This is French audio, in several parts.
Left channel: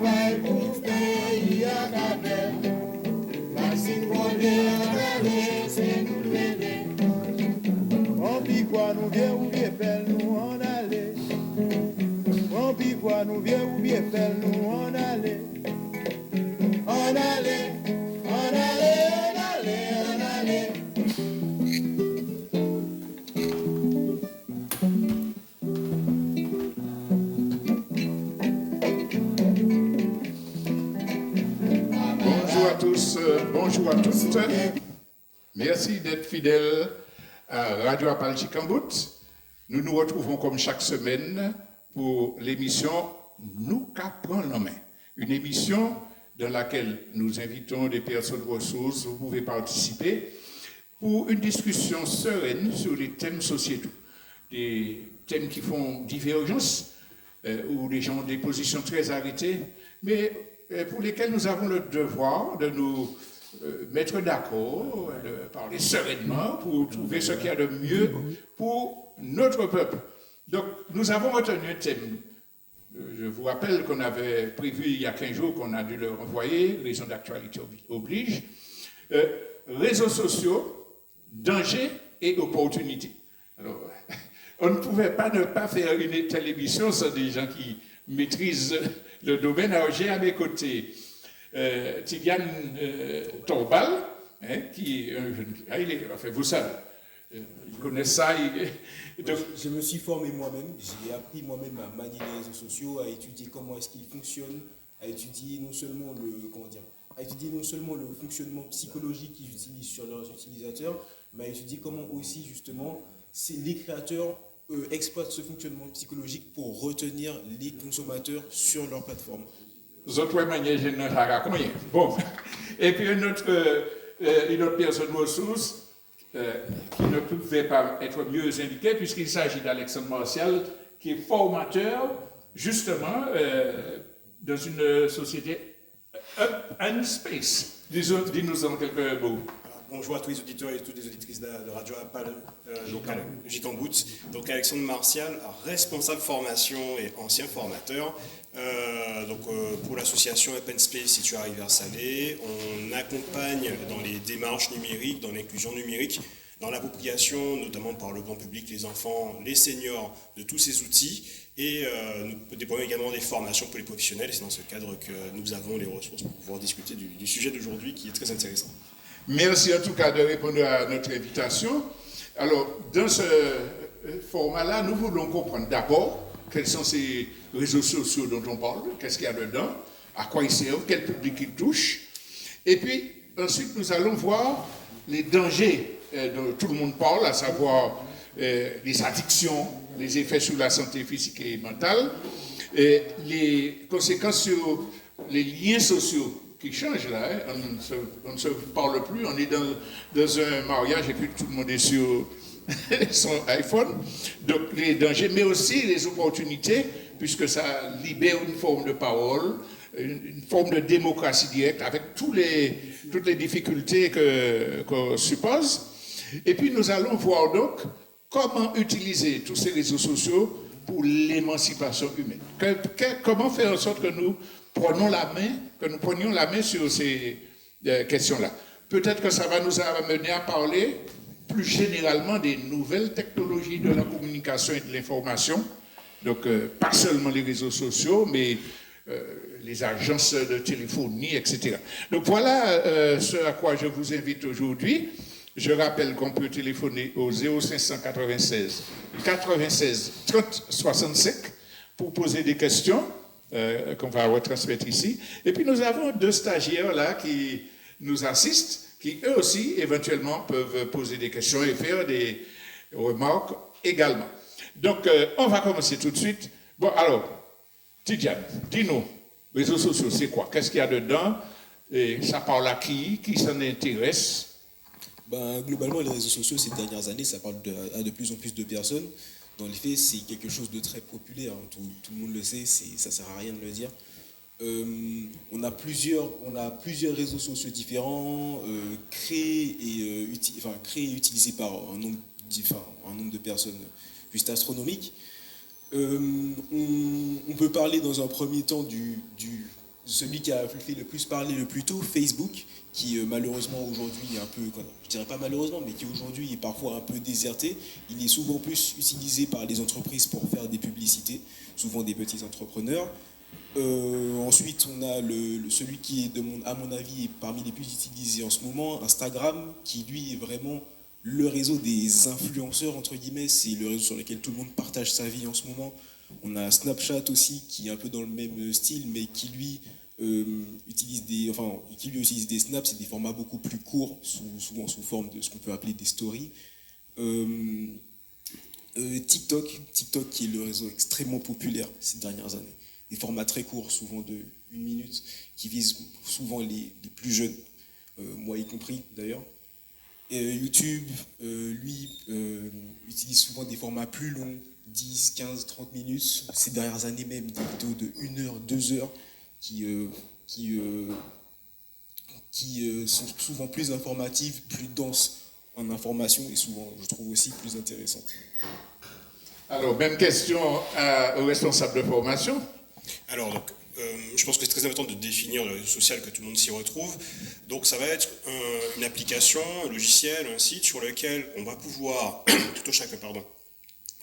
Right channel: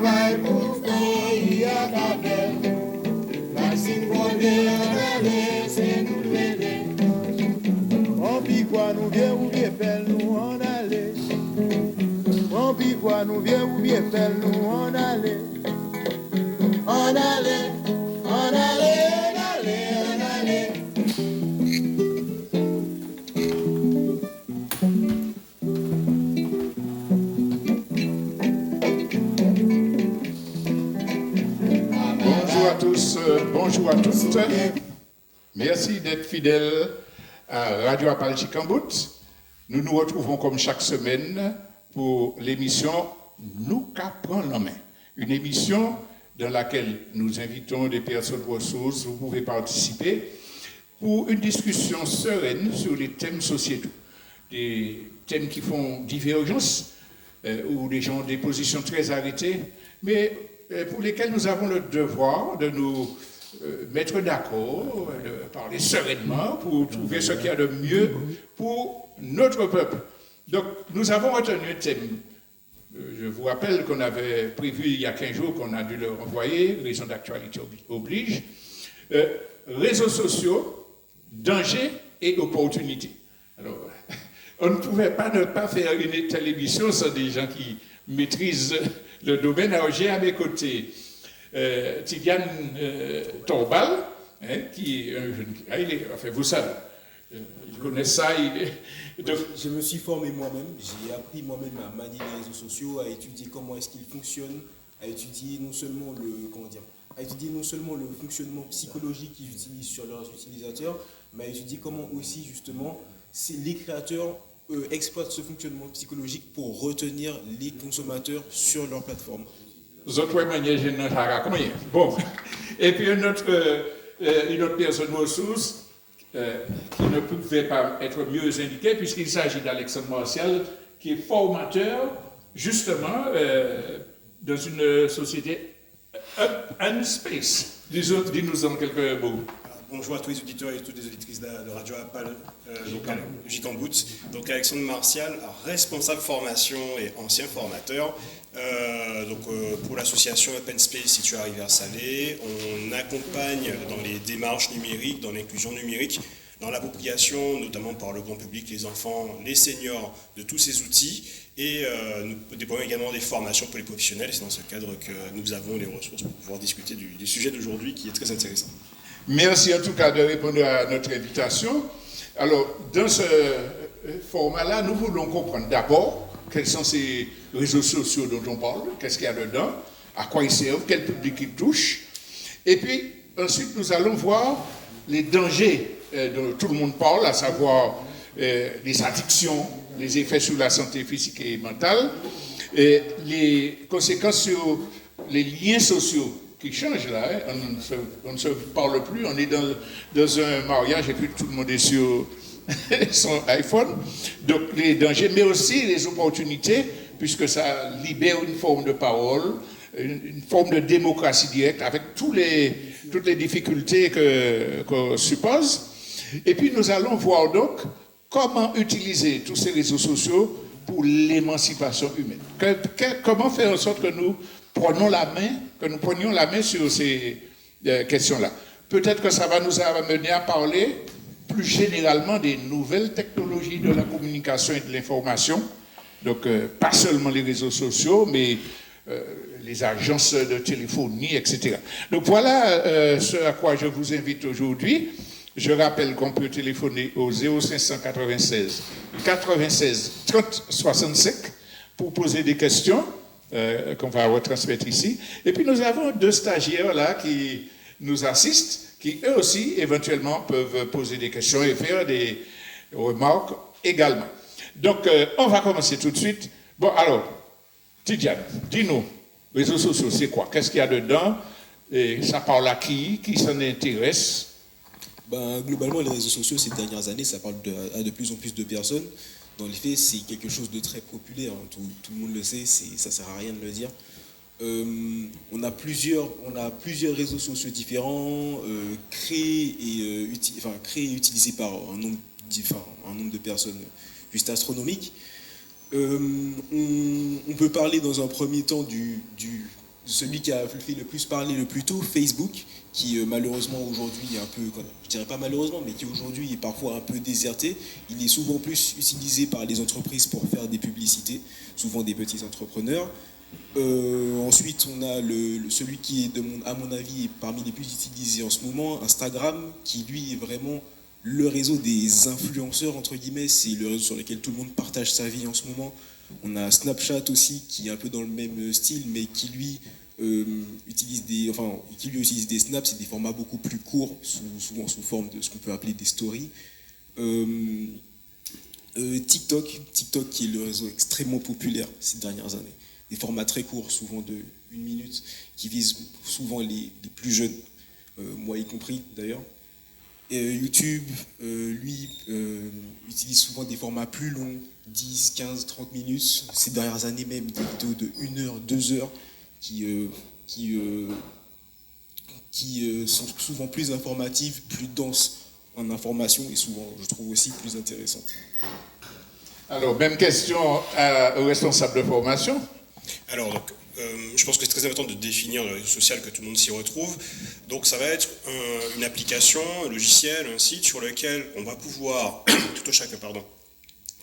travail pour pays à travers. Maxime Bonnet à c'est nous lever. On pis quoi nous vient ou bien belle nous en aller. On pis quoi nous vient ou bien belle nous en aller. En aller, en aller, en aller, en aller. Bonjour à tous, bonjour à toutes. Merci d'être fidèles à Radio Appal Chicambout. Nous nous retrouvons comme chaque semaine pour l'émission Nous qu'apprend la main. Une émission dans laquelle nous invitons des personnes ressources, vous pouvez participer, pour une discussion sereine sur les thèmes sociétaux. Des thèmes qui font divergence, où les gens ont des positions très arrêtées, mais pour lesquels nous avons le devoir de nous mettre d'accord, de parler sereinement pour trouver ce qu'il y a de mieux pour notre peuple. Donc, nous avons retenu un thème. Je vous rappelle qu'on avait prévu il y a 15 jours qu'on a dû le renvoyer, raison d'actualité oblige. Réseaux sociaux, dangers et opportunités. Alors, on ne pouvait pas ne pas faire une télévision sans des gens qui maîtrisent le domaine. Alors, j'ai à mes côtés Tidiane Torbal, qui est un jeune... vous savez, il connaît ça. Je me suis formé moi-même, j'ai appris moi-même à manier les réseaux sociaux, à étudier comment est-ce qu'ils fonctionnent, à étudier non seulement le fonctionnement psychologique qu'ils utilisent sur leurs utilisateurs, mais à étudier comment aussi justement les créateurs exploitent ce fonctionnement psychologique pour retenir les consommateurs sur leur plateforme. Bon, et puis une autre personne ressource qui ne pouvait pas être mieux indiquée puisqu'il s'agit d'Alexandre Martial qui est formateur justement dans une société Up and Space. Dis-nous en quelques mots. Bonjour à tous les auditeurs et toutes les auditrices de Radio Appal Chicambout. Donc Alexandre Martial, responsable formation et ancien formateur. Pour l'association Open Space située à Rivière-Salée, on accompagne dans les démarches numériques, dans l'inclusion numérique, dans l'appropriation, notamment par le grand public, les enfants, les seniors, de tous ces outils. Et nous déployons également des formations pour les professionnels. C'est dans ce cadre que nous avons les ressources pour pouvoir discuter du sujet d'aujourd'hui qui est très intéressant. Merci en tout cas de répondre à notre invitation. Alors, dans ce format-là, nous voulons comprendre d'abord quels sont ces réseaux sociaux dont on parle, qu'est-ce qu'il y a dedans, à quoi ils servent, quel public ils touchent. Et puis, ensuite, nous allons voir les dangers dont tout le monde parle, à savoir les addictions, les effets sur la santé physique et mentale, et les conséquences sur les liens sociaux qui change là, on ne se parle plus, on est dans un mariage et puis tout le monde est sur son iPhone. Donc les dangers, mais aussi les opportunités, puisque ça libère une forme de parole, une forme de démocratie directe, avec toutes les difficultés qu'on suppose. Et puis nous allons voir donc comment utiliser tous ces réseaux sociaux pour l'émancipation humaine. Comment faire en sorte que nous prenions la main sur ces questions-là. Peut-être que ça va nous amener à parler plus généralement des nouvelles technologies de la communication et de l'information. Donc, pas seulement les réseaux sociaux, mais les agences de téléphonie, etc. Donc, voilà ce à quoi je vous invite aujourd'hui. Je rappelle qu'on peut téléphoner au 0596 96 30 65 pour poser des questions. Qu'on va retransmettre ici. Et puis nous avons 2 stagiaires là qui nous assistent, qui eux aussi éventuellement peuvent poser des questions et faire des remarques également. Donc on va commencer tout de suite. Bon alors, Tidiane, dis-nous, réseaux sociaux c'est quoi? Qu'est-ce qu'il y a dedans? Et ça parle à qui s'en intéresse? Globalement, les réseaux sociaux ces dernières années, ça parle à de plus en plus de personnes. Dans les faits, c'est quelque chose de très populaire, hein. Tout le monde le sait, ça ne sert à rien de le dire. On a plusieurs réseaux sociaux différents, créés et utilisés par un nombre de personnes juste astronomique. On peut parler dans un premier temps celui qui a fait le plus parler le plus tôt, Facebook, qui malheureusement aujourd'hui est un peu, je dirais pas malheureusement, mais qui aujourd'hui est parfois un peu déserté. Il est souvent plus utilisé par les entreprises pour faire des publicités, souvent des petits entrepreneurs. Ensuite, on a celui qui est, à mon avis, est parmi les plus utilisés en ce moment, Instagram, qui lui est vraiment le réseau des influenceurs, entre guillemets. C'est le réseau sur lequel tout le monde partage sa vie en ce moment. On a Snapchat aussi, qui est un peu dans le même style, mais qui lui utilise des snaps, c'est des formats beaucoup plus courts, souvent sous forme de ce qu'on peut appeler des stories. TikTok qui est le réseau extrêmement populaire ces dernières années. Des formats très courts, souvent de 1 minute, qui visent souvent les plus jeunes, moi y compris d'ailleurs. YouTube, lui, utilise souvent des formats plus longs, 10, 15, 30 minutes. Ces dernières années même, des vidéos de 1 heure, 2 heures, qui sont souvent plus informatives, plus denses en information et souvent, je trouve aussi, plus intéressantes. Alors, même question au responsable de formation. Alors, donc, je pense que c'est très important de définir le réseau social, que tout le monde s'y retrouve. Donc ça va être une application, un logiciel, un site sur lequel on va pouvoir, tout au chacun,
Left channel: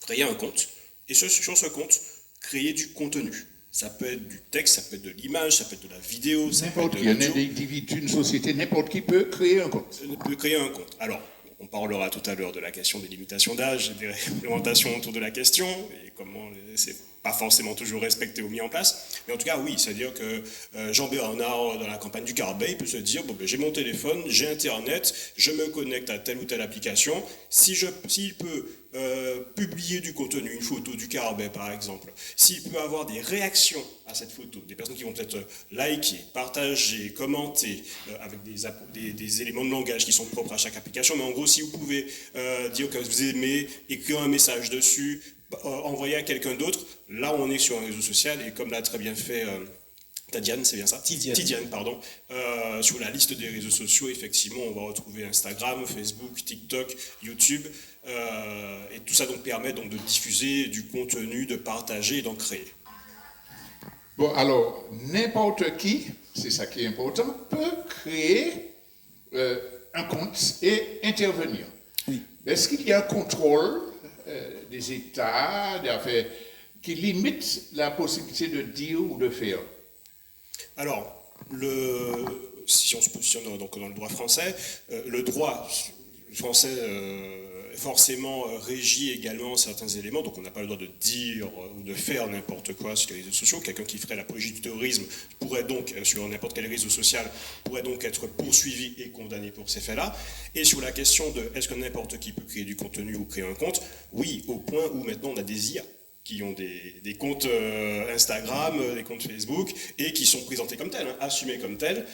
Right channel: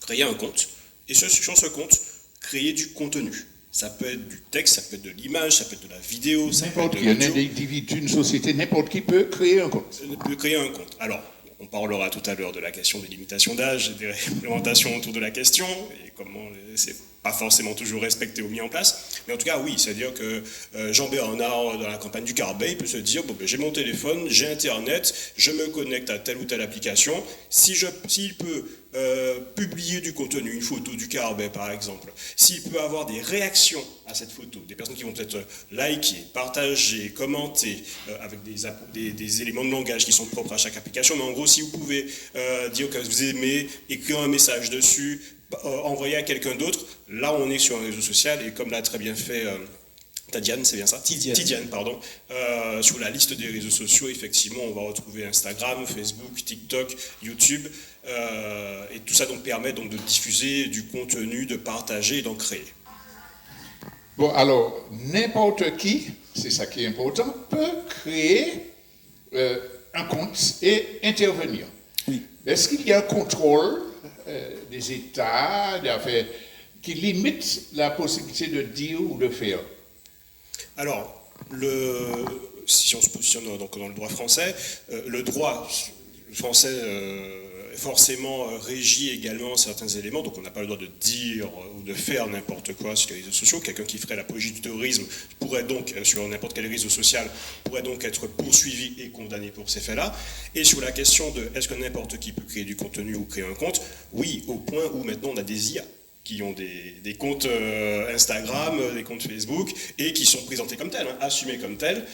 créer un compte. Et sur ce compte, créer du contenu. Ça peut être du texte, ça peut être de l'image, ça peut être de la vidéo, ça peut être de l'audio. Un individu, une société, n'importe qui peut créer un compte. Peut créer un compte. Alors, on parlera tout à l'heure de la question des limitations d'âge, des réglementations autour de la question, et comment c'est pas forcément toujours respecté ou mis en place. Mais en tout cas, oui, c'est-à-dire que Jean-Bernard, dans la campagne du Carbet, il peut se dire, j'ai mon téléphone, j'ai Internet, je me connecte à telle ou telle application. S'il peut publier du contenu, une photo du Carbet par exemple, s'il peut avoir des réactions à cette photo, des personnes qui vont peut-être liker, partager, commenter, avec des éléments de langage qui sont propres à chaque application, mais en gros, si vous pouvez dire que vous aimez, écrire un message dessus, envoyer à quelqu'un d'autre, là on est sur un réseau social, et comme l'a très bien fait Tadiane, c'est bien ça ? Tidiane, pardon. Sur la liste des réseaux sociaux, effectivement, on va retrouver Instagram, Facebook, TikTok, YouTube, et tout ça donc permet donc de diffuser du contenu, de partager et d'en créer. Bon, alors, n'importe qui, c'est ça qui est important, peut créer un compte et intervenir. Oui. Est-ce qu'il y a un contrôle des États, qui limite la possibilité de dire ou de faire? Alors, si on se positionne donc dans le droit français, le droit français forcément régit également certains éléments, donc on n'a pas le droit de dire ou de faire n'importe quoi sur les réseaux sociaux. Quelqu'un qui ferait l'apologie du terrorisme pourrait donc, sur n'importe quel réseau social, pourrait donc être poursuivi et condamné pour ces faits-là. Et sur la question de est-ce que n'importe qui peut créer du contenu ou créer un compte, oui, au point où maintenant on a des IA qui ont des comptes Instagram, des comptes Facebook, et qui sont présentés comme tels, assumés comme tels.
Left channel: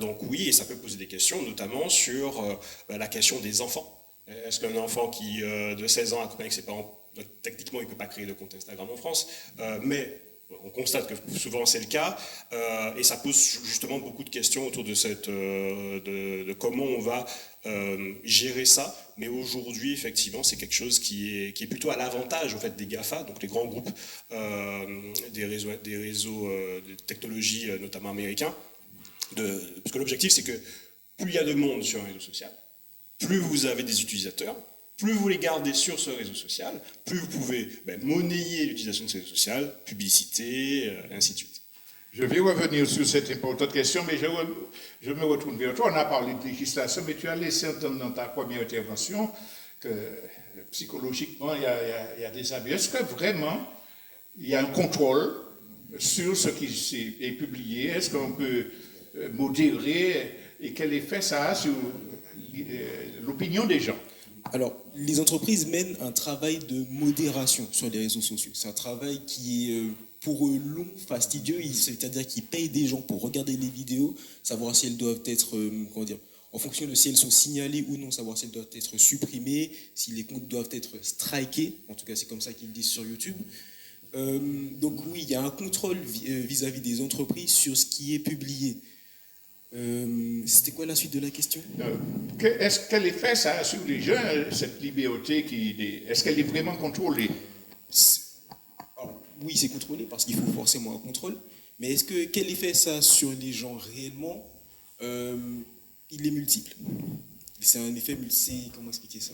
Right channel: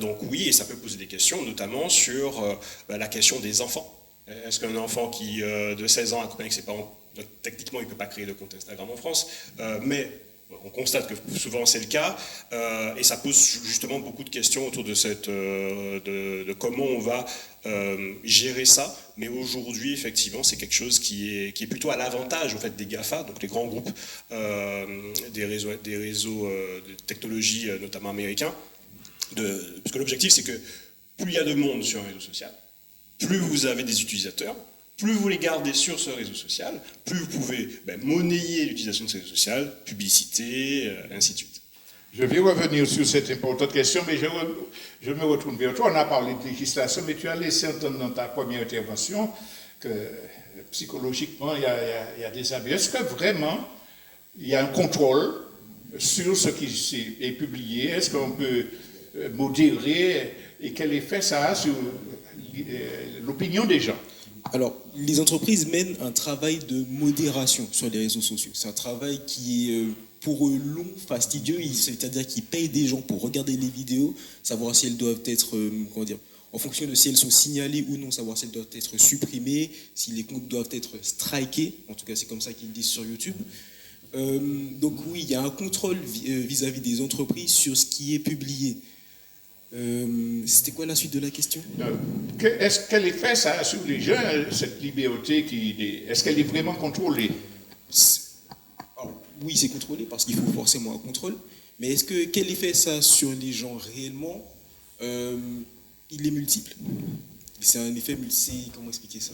Donc oui, et ça peut poser des questions, notamment sur la question des enfants. Est-ce qu'un enfant qui de 16 ans accompagné avec ses parents, techniquement il ne peut pas créer de compte Instagram en France, mais on constate que souvent c'est le cas, et ça pose justement beaucoup de questions autour de comment on va gérer ça. Mais aujourd'hui, effectivement, c'est quelque chose qui est plutôt à l'avantage au fait, des GAFA, donc les grands groupes des réseaux de technologie, notamment américains, parce que l'objectif, c'est que plus il y a de monde sur un réseau social, plus vous avez des utilisateurs, plus vous les gardez sur ce réseau social, plus vous pouvez monnayer l'utilisation de ce réseau social, publicité, ainsi de suite. Je vais revenir sur cette importante question, mais je me retourne vers toi. On a parlé de législation, mais tu as laissé entendre dans ta première intervention que psychologiquement, il y a des abus. Est-ce que vraiment, il y a un contrôle sur ce qui est publié? Est-ce qu'on peut modérer et quel effet ça a sur l'opinion des gens? Alors, les entreprises mènent un travail de modération sur les réseaux sociaux. C'est un travail qui est pour eux long, fastidieux, c'est-à-dire qu'ils payent des gens pour regarder les vidéos, savoir si elles doivent être, en fonction de si elles sont signalées ou non, savoir si elles doivent être supprimées, si les comptes doivent être strikés, en tout cas c'est comme ça qu'ils le disent sur YouTube. Donc oui, il y a un contrôle vis-à-vis des entreprises sur ce qui est publié. C'était quoi la suite de la question? Quel effet ça a sur les gens, cette liberté est-ce qu'elle est vraiment contrôlée? Alors, oui, c'est contrôlé parce qu'il faut forcément un contrôle, Mais quel effet ça a sur les gens réellement? Il est multiple. C'est un effet multiple. Comment expliquer ça?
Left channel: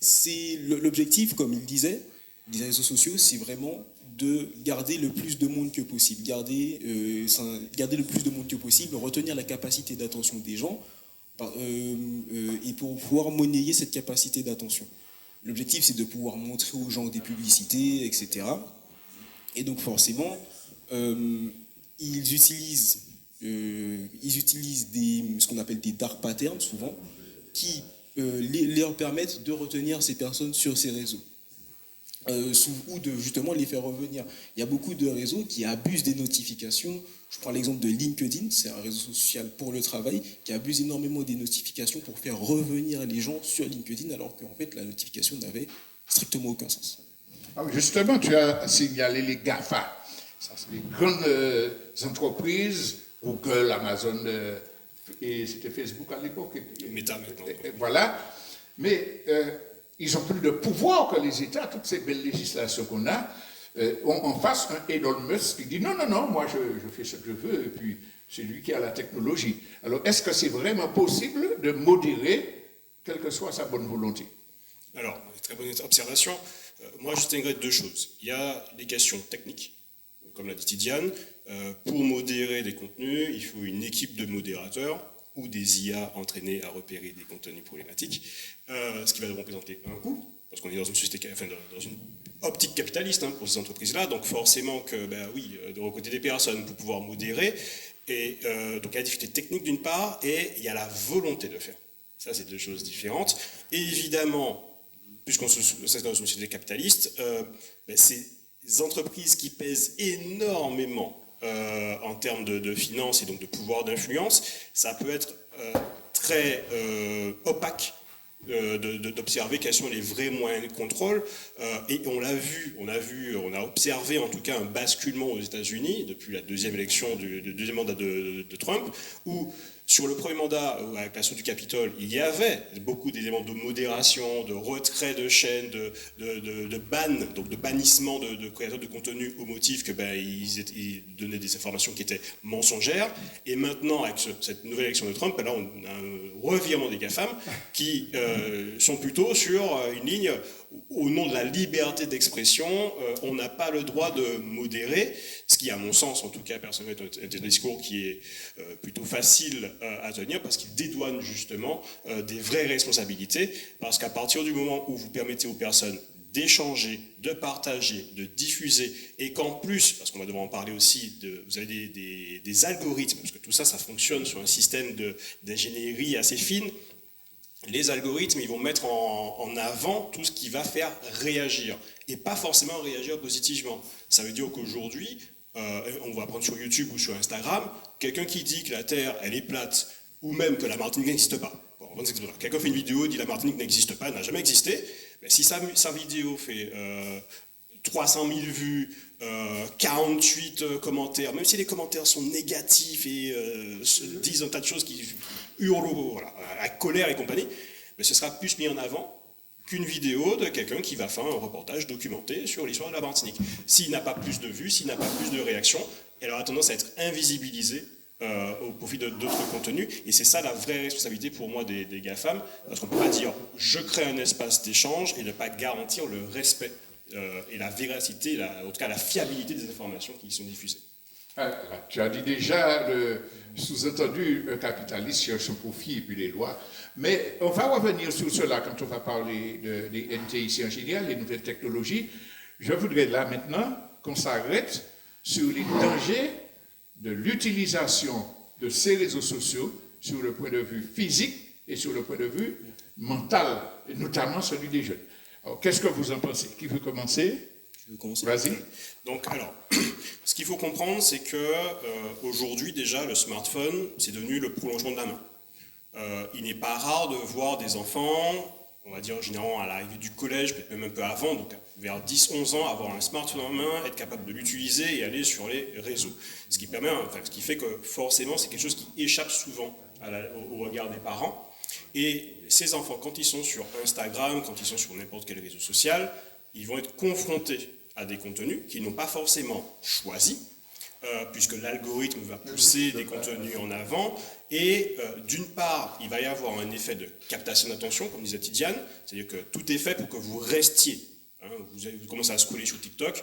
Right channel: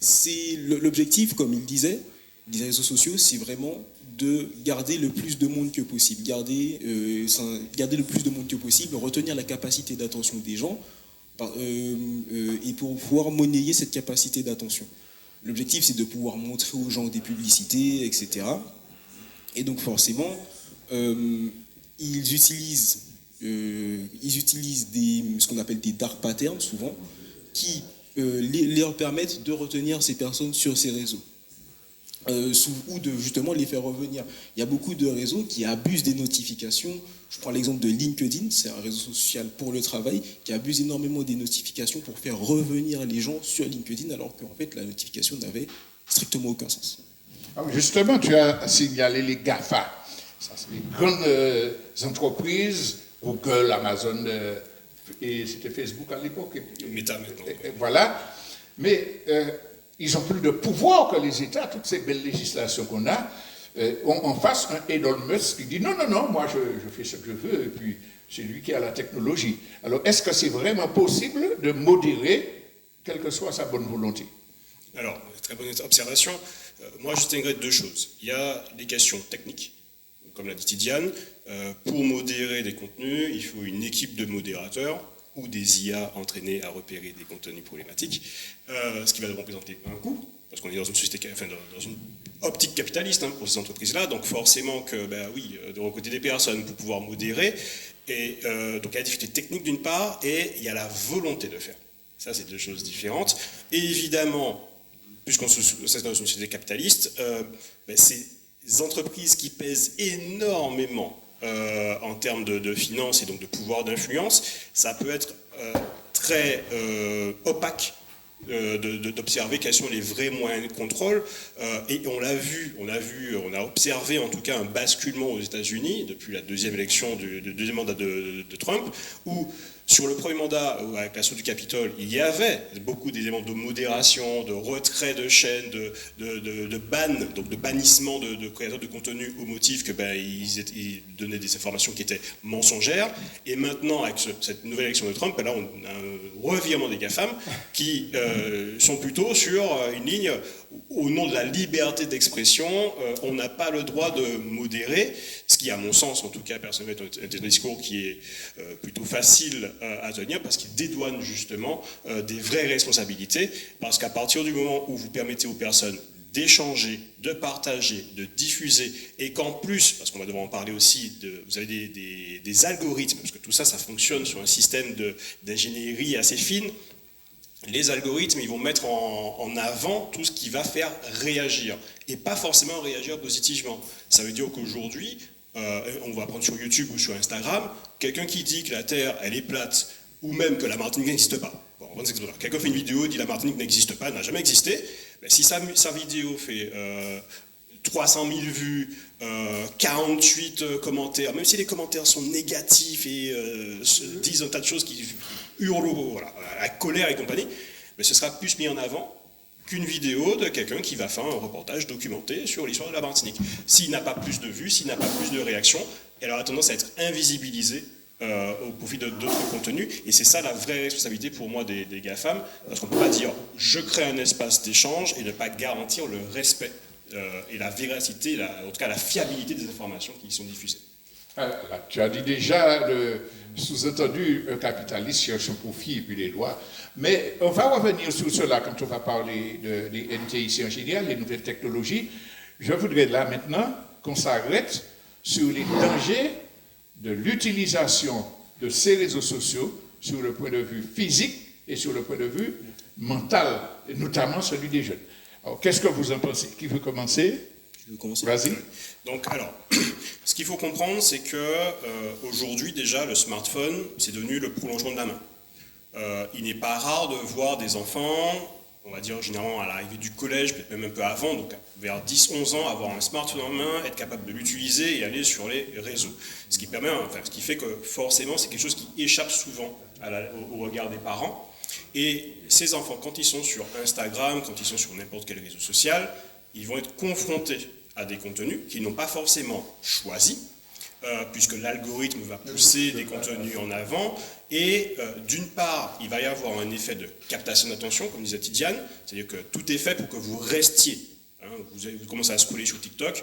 C'est l'objectif, comme il disait, des réseaux sociaux, c'est vraiment de garder le plus de monde que possible, garder le plus de monde que possible, retenir la capacité d'attention des gens et pour pouvoir monnayer cette capacité d'attention. L'objectif, c'est de pouvoir montrer aux gens des publicités, etc. Et donc forcément, ils utilisent ce qu'on appelle des dark patterns, souvent, qui leur permettent de retenir ces personnes sur ces réseaux. Ou de justement les faire revenir. Il y a beaucoup de réseaux qui abusent des notifications. Je prends l'exemple de LinkedIn, c'est un réseau social pour le travail, qui abuse énormément des notifications pour faire revenir les gens sur LinkedIn, alors qu'en fait la notification n'avait strictement aucun sens. Ah oui, justement, tu as signalé les GAFA. Ça, c'est les grandes entreprises, Google, Amazon, et c'était Facebook à l'époque. Meta maintenant. Voilà. Mais ils ont plus de pouvoir que les États, toutes ces belles législations qu'on a. En face, un Elon Musk qui dit non, moi je fais ce que je veux, et puis c'est lui qui a la technologie. Alors, est-ce que c'est vraiment possible de modérer, quelle que soit sa bonne volonté? Alors, très bonne observation. Moi, je distinguerais deux choses. Il y a des questions techniques, comme l'a dit Tidiane. Pour modérer des contenus, il faut une équipe de modérateurs ou des IA entraînés à repérer des contenus problématiques, ce qui va représenter un coût, parce qu'on est dans une société, enfin, dans une optique capitaliste pour ces entreprises-là, donc forcément que, de recruter des personnes pour pouvoir modérer, et donc il y a la difficulté technique d'une part, et il y a la volonté de faire. Ça, c'est deux choses différentes. Et évidemment, puisqu'on est dans une société capitaliste, ces entreprises qui pèsent énormément en termes de finances et donc de pouvoir d'influence, ça peut être très opaque d'observer quels sont les vrais moyens de contrôle. Et on a observé en tout cas un basculement aux États-Unis depuis la deuxième élection du deuxième mandat de Trump, où sur le premier mandat, avec l'assaut du Capitole, il y avait beaucoup d'éléments de modération, de retrait de chaînes, de ban, donc de bannissement de créateurs de contenu au motif que ils donnaient des informations qui étaient mensongères. Et maintenant, avec cette nouvelle élection de Trump, là, on a un revirement des GAFAM qui sont plutôt sur une ligne au nom de la liberté d'expression, on n'a pas le droit de modérer, ce qui, à mon sens, en tout cas, personnellement, est un discours qui est plutôt facile à tenir, parce qu'il dédouane justement des vraies responsabilités, parce qu'à partir du moment où vous permettez aux personnes d'échanger, de partager, de diffuser, et qu'en plus, parce qu'on va devoir en parler aussi, vous avez des algorithmes, parce que tout ça, ça fonctionne sur un système d'ingénierie assez fine. Les algorithmes, ils vont mettre en avant tout ce qui va faire réagir, et pas forcément réagir positivement. Ça veut dire qu'aujourd'hui, on va prendre sur YouTube ou sur Instagram, quelqu'un qui dit que la Terre, elle est plate, ou même que la Martinique n'existe pas. Bon, quelqu'un fait une vidéo, dit la Martinique n'existe pas, elle n'a jamais existé. Mais si sa vidéo fait 300 000 vues, 48 commentaires, même si les commentaires sont négatifs et disent un tas de choses qui hurlent à colère et compagnie, mais ce sera plus mis en avant qu'une vidéo de quelqu'un qui va faire un reportage documenté sur l'histoire de la Martinique. S'il n'a pas plus de vues, s'il n'a pas plus de réactions, elle aura tendance à être invisibilisée au profit d'autres contenus, et c'est ça la vraie responsabilité pour moi des GAFAM, parce qu'on ne peut pas dire je crée un espace d'échange et ne pas garantir le respect et la véracité, en tout cas la fiabilité des informations qui sont diffusées. Tu as dit déjà le sous-entendu, un capitaliste cherche son profit et puis les lois, mais on va revenir sur cela quand on va parler des NTIC en général, les nouvelles technologies. Je voudrais là maintenant qu'on s'arrête sur les dangers de l'utilisation de ces réseaux sociaux sur le point de vue physique et sur le point de vue mental, et notamment celui des jeunes. Alors, qu'est-ce que vous en pensez? Qui veut commencer? Je veux commencer. Vas-y. Donc, alors, ce qu'il faut comprendre, c'est que aujourd'hui déjà, le smartphone, c'est devenu le prolongement de la main. Il n'est pas rare de voir des enfants, on va dire généralement à l'arrivée du collège, peut-être même un peu avant, donc vers 10-11 ans, avoir un smartphone en main, être capable de l'utiliser et aller sur les réseaux. Ce qui fait que forcément, c'est quelque chose qui échappe souvent au regard des parents. Et ces enfants, quand ils sont sur Instagram, quand ils sont sur n'importe quel réseau social, ils vont être confrontés à des contenus qu'ils n'ont pas forcément choisis, puisque l'algorithme va pousser des contenus en avant, et d'une part, il va y avoir un effet de captation d'attention, comme disait Tidiane, c'est-à-dire que tout est fait pour que vous restiez. Vous commencez à scroller sur TikTok,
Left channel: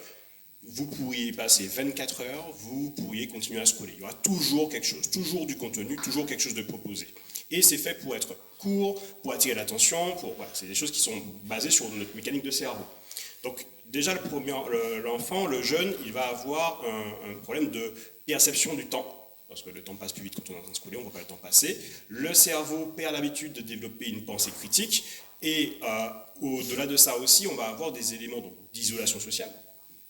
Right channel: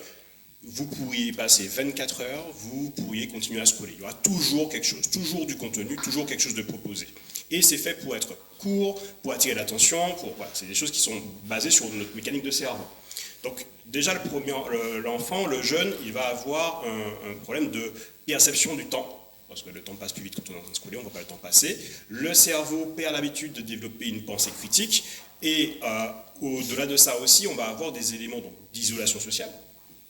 vous pourriez passer 24 heures, vous pourriez continuer à scroller. Il y aura toujours quelque chose, toujours du contenu, toujours quelque chose de proposé. Et c'est fait pour être court, pour attirer l'attention, voilà, c'est des choses qui sont basées sur notre mécanique de cerveau. Donc déjà, l'enfant, le jeune, il va avoir un problème de perception du temps, parce que le temps passe plus vite quand on est en train de scroller, on ne voit pas le temps passer. Le cerveau perd l'habitude de développer une pensée critique, et au-delà de ça aussi, on va avoir des éléments d'isolation sociale,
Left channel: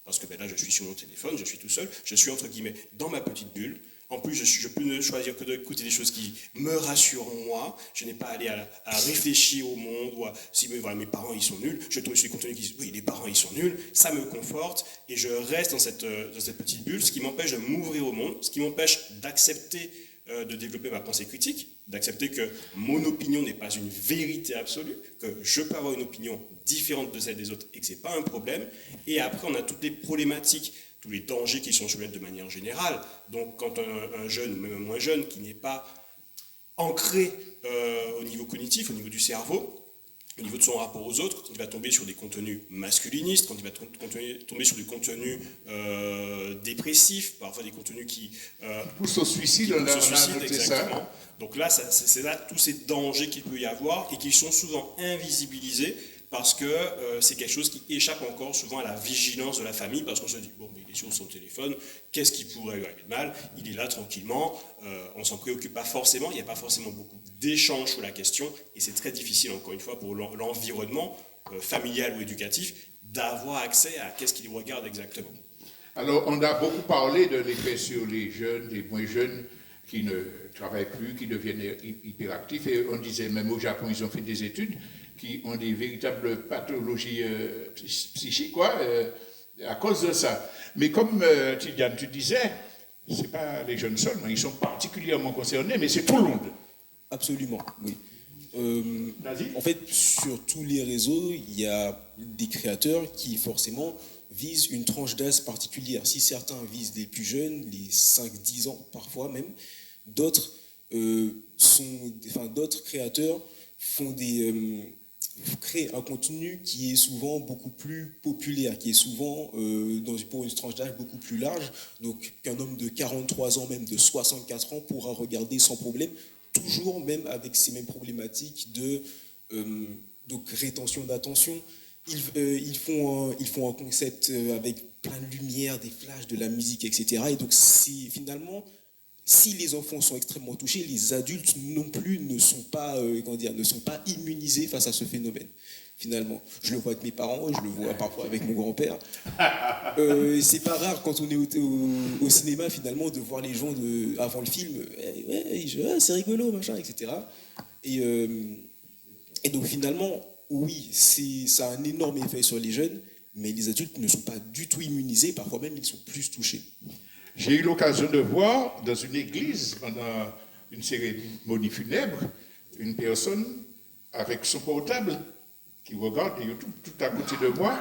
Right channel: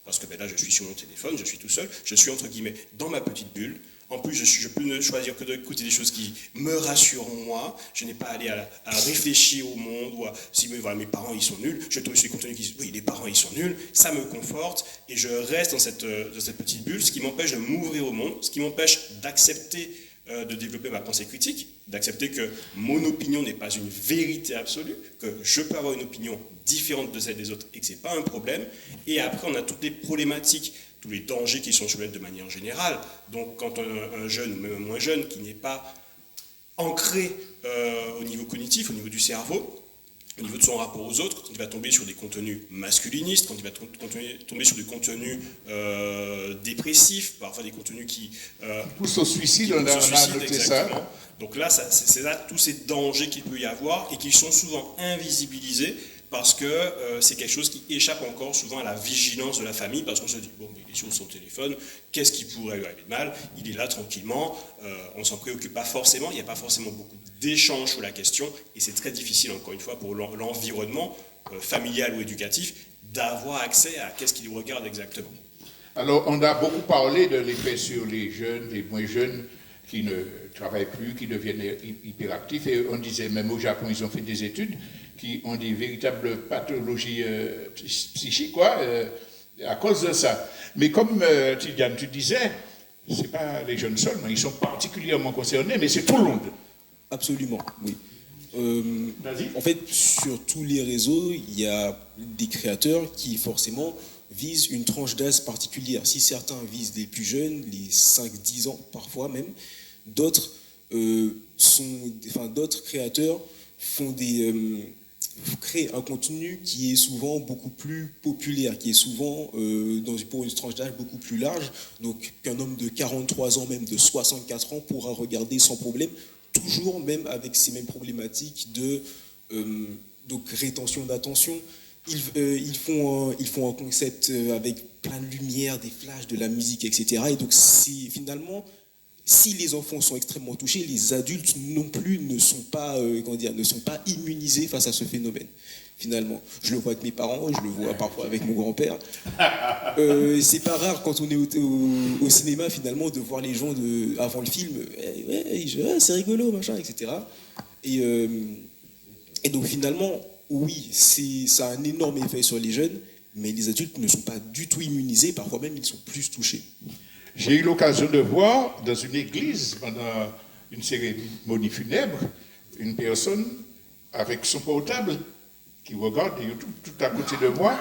parce que là, je suis sur mon téléphone, je suis tout seul, je suis entre guillemets dans ma petite bulle. En plus, je peux ne choisir que d'écouter des choses qui me rassurent moi. Je n'ai pas à aller à réfléchir au monde, ou si voilà, mes parents ils sont nuls, je trouve sur les contenus qui disent oui, les parents ils sont nuls, ça me conforte, et je reste dans cette petite bulle, ce qui m'empêche de m'ouvrir au monde, ce qui m'empêche d'accepter de développer ma pensée critique, d'accepter que mon opinion n'est pas une vérité absolue, que je peux avoir une opinion différente de celle des autres et que ce n'est pas un problème. Et après, on a toutes les problématiques, tous les dangers qui sont sur de manière générale. Donc, quand un jeune, ou même un moins jeune, qui n'est pas ancré au niveau cognitif, au niveau du cerveau, au niveau de son rapport aux autres, quand il va tomber sur des contenus masculinistes, quand il va tomber sur des contenus dépressifs, parfois des contenus qui poussent au suicide, on a noté ça. Donc là, c'est là tous ces dangers qu'il peut y avoir et qui sont souvent invisibilisés parce que c'est quelque chose qui échappe encore souvent à la vigilance de la famille, parce qu'on se dit, bon, il est sur son téléphone, qu'est-ce qui pourrait lui arriver de mal? Il est là tranquillement, on ne s'en préoccupe pas forcément, il n'y a pas forcément beaucoup d'échanges sur la question, et c'est très difficile, encore une fois, pour l'environnement familial ou éducatif, d'avoir accès à qu'est-ce qu'il regarde exactement. Alors, on a beaucoup parlé de l'effet sur les jeunes, les moins jeunes, qui ne travaillent plus, qui deviennent hyperactifs, et on disait, même au Japon, ils ont fait des études, qui ont des véritables pathologies psychiques, quoi, à cause de ça. Mais comme Tidiane, tu disais, ce n'est pas les jeunes seulement, ils sont particulièrement concernés, mais c'est tout le monde. Absolument, oui. En fait, sur tous les réseaux, il y a des créateurs qui forcément visent une tranche d'âge particulière. Si certains visent les plus jeunes, les 5-10 ans parfois même, d'autres créateurs créent un contenu qui est souvent beaucoup plus populaire, qui est souvent pour une tranche d'âge beaucoup plus large, donc qu'un homme de 43 ans, même de 64 ans, pourra regarder sans problème, toujours même avec ces mêmes problématiques de rétention d'attention. Ils font un concept avec plein de lumière, des flashs, de la musique, etc. Et donc finalement, si les enfants sont extrêmement touchés, les adultes non plus ne sont pas immunisés face à ce phénomène. Finalement, je le vois avec mes parents, je le vois parfois avec mon grand-père. C'est pas rare quand on est au cinéma finalement de voir les gens avant le film, c'est rigolo, machin, etc. Et donc finalement, oui, ça a un énorme effet sur les jeunes, mais les adultes ne sont pas du tout immunisés, parfois même ils sont plus touchés. J'ai eu l'occasion de voir dans une église, pendant une cérémonie funèbre, une personne avec son portable qui regarde YouTube tout à côté de moi,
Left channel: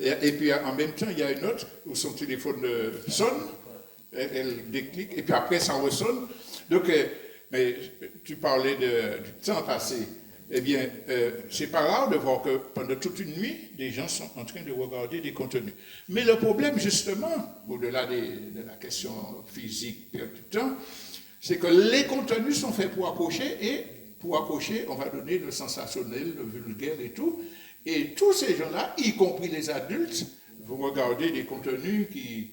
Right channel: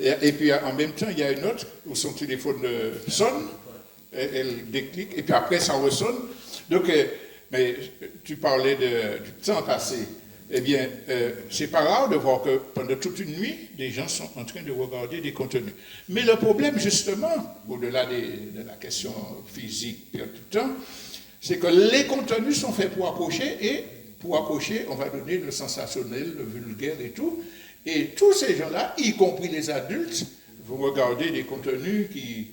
et puis en même temps, il y a une autre où son téléphone sonne, elle déclic, et puis après, ça ressonne. Donc, mais tu parlais du temps passé. Eh bien, c'est pas rare de voir que pendant toute une nuit, des gens sont en train de regarder des contenus. Mais le problème, justement, au-delà de la question physique, perte du temps, c'est que les contenus sont faits pour accrocher, et pour accrocher, on va donner le sensationnel, le vulgaire et tout. Et tous ces gens-là, y compris les adultes, vont regarder des contenus qui,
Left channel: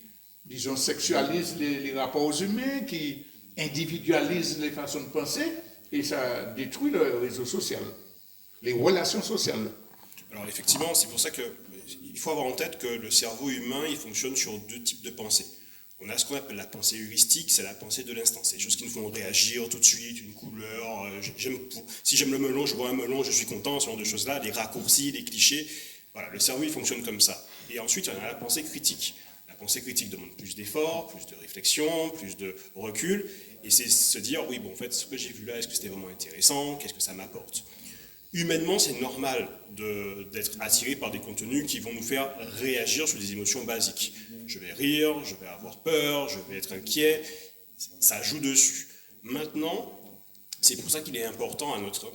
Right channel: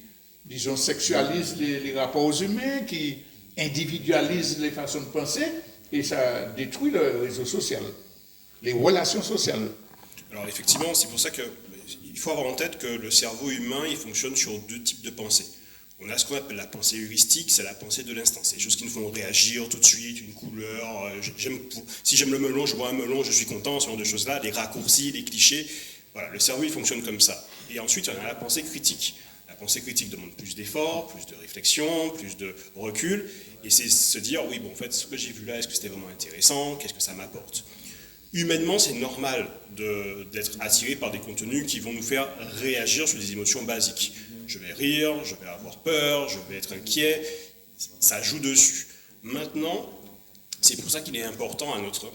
disons, sexualisent les rapports humains, qui individualisent les façons de penser, et ça détruit le réseau social, les relations sociales. Alors effectivement, c'est pour ça qu'il faut avoir en tête que le cerveau humain, il fonctionne sur deux types de pensées. On a ce qu'on appelle la pensée heuristique, c'est la pensée de l'instant. C'est des choses qui nous font réagir tout de suite, une couleur. Si j'aime le melon, je vois un melon, je suis content, ce genre de choses-là, les raccourcis, les clichés. Voilà, le cerveau, il fonctionne comme ça. Et ensuite, on a la pensée critique. La pensée critique demande plus d'efforts, plus de réflexion, plus de recul. Et c'est se dire, oui, bon, en fait, ce que j'ai vu là, est-ce que c'était vraiment intéressant? Qu'est-ce que ça m'apporte? humainement, c'est normal d'être attiré par des contenus qui vont nous faire réagir sur des émotions basiques. Je vais rire, je vais avoir peur, je vais être inquiet, ça joue dessus. Maintenant, c'est pour ça qu'il est important à notre...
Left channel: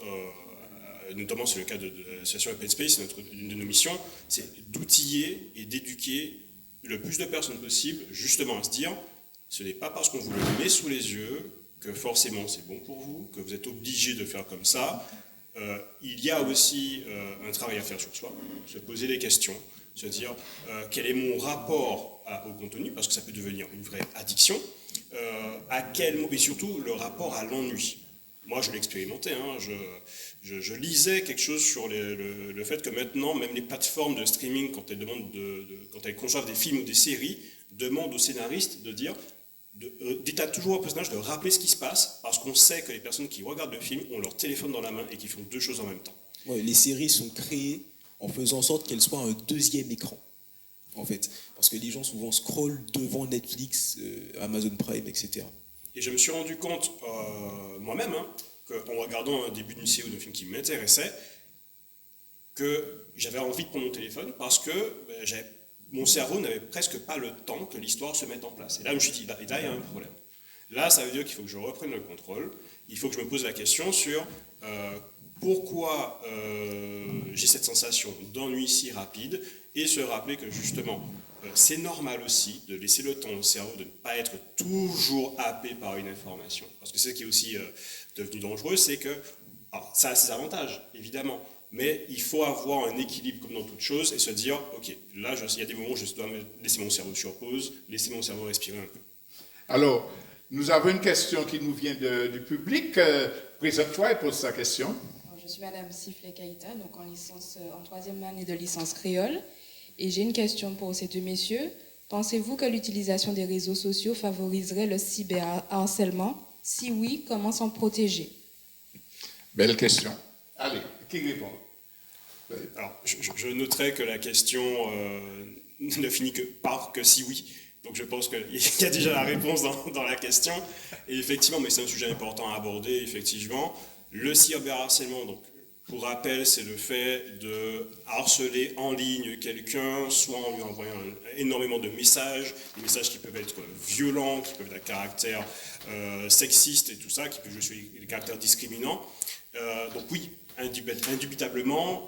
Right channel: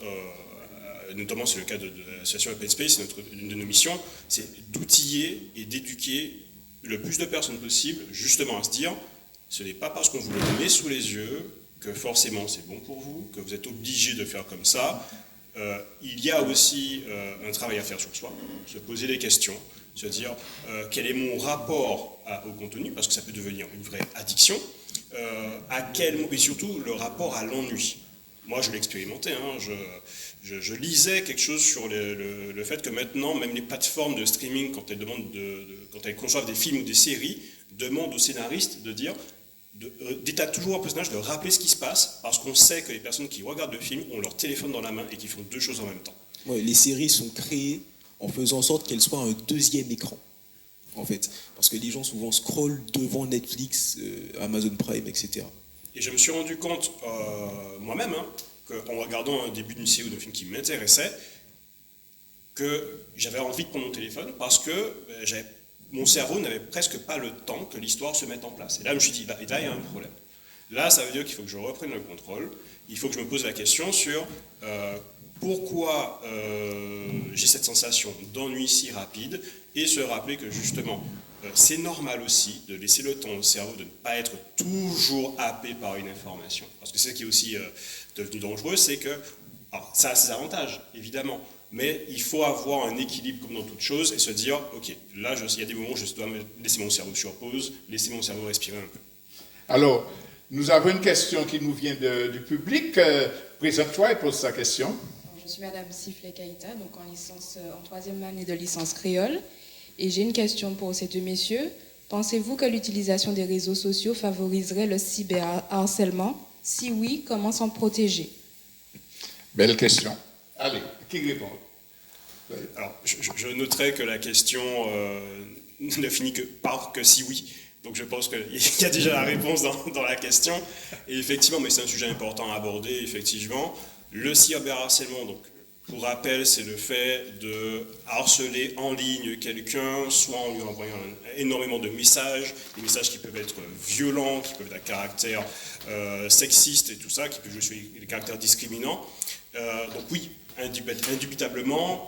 notamment c'est le cas de l'association Open Space, une de nos missions, c'est d'outiller et d'éduquer le plus de personnes possible justement à se dire, ce n'est pas parce qu'on vous le met sous les yeux que forcément c'est bon pour vous, que vous êtes obligé de faire comme ça. Il y a aussi un travail à faire sur soi, se poser des questions, se dire quel est mon rapport au contenu, parce que ça peut devenir une vraie addiction, et surtout le rapport à l'ennui. Moi, je l'ai expérimenté. Hein, je lisais quelque chose sur le fait que maintenant, même les plateformes de streaming, quand elles conçoivent des films ou des séries, demandent aux scénaristes de dire, d'établir toujours un personnage, de rappeler ce qui se passe, parce qu'on sait que les personnes qui regardent le film ont leur téléphone dans la main et qui font deux choses en même temps. Ouais, les séries sont créées en faisant en sorte qu'elles soient un deuxième écran, en fait. Parce que les gens souvent scrollent devant Netflix, Amazon Prime, etc. Et je me suis rendu compte moi-même, qu'en regardant un début d'une série ou d'un film qui m'intéressait, que j'avais envie de prendre mon téléphone parce que mon cerveau n'avait presque pas le temps que l'histoire se mette en place. Et là, je me suis dit, là, il y a un problème. Là, ça veut dire qu'il faut que je reprenne le contrôle. Il faut que je me pose la question sur pourquoi j'ai cette sensation d'ennui si rapide et se rappeler que justement, c'est normal aussi de laisser le temps au cerveau de ne pas être toujours happé par une information. Parce que c'est ce qui est aussi devenu dangereux, c'est que ça a ses avantages, évidemment. Mais il faut avoir un équilibre comme dans toute chose et se dire, ok, là, il y a des moments où je dois laisser mon cerveau sur pause, laisser mon cerveau respirer un peu. Alors, nous avons une question qui nous vient du public. Présente-toi et pose sa question. Je suis Madame Siflet Kaïta, donc en troisième année de licence créole. Et j'ai une question pour ces deux messieurs. Pensez-vous que l'utilisation des réseaux sociaux favoriserait le cyberharcèlement? Si oui, comment s'en protéger? Belle question. Allez, qui répond? Alors, je noterai que la question ne finit par que si oui. Donc je pense qu'il y a déjà la réponse dans la question. Et effectivement, mais c'est un sujet important à aborder, effectivement. Le cyberharcèlement, donc, pour rappel, c'est le fait de harceler en ligne quelqu'un, soit en lui envoyant énormément de messages, des messages qui peuvent être violents, qui peuvent être à caractère sexiste et tout ça, qui peuvent jouer sur les caractères discriminants. Donc oui, indubitablement,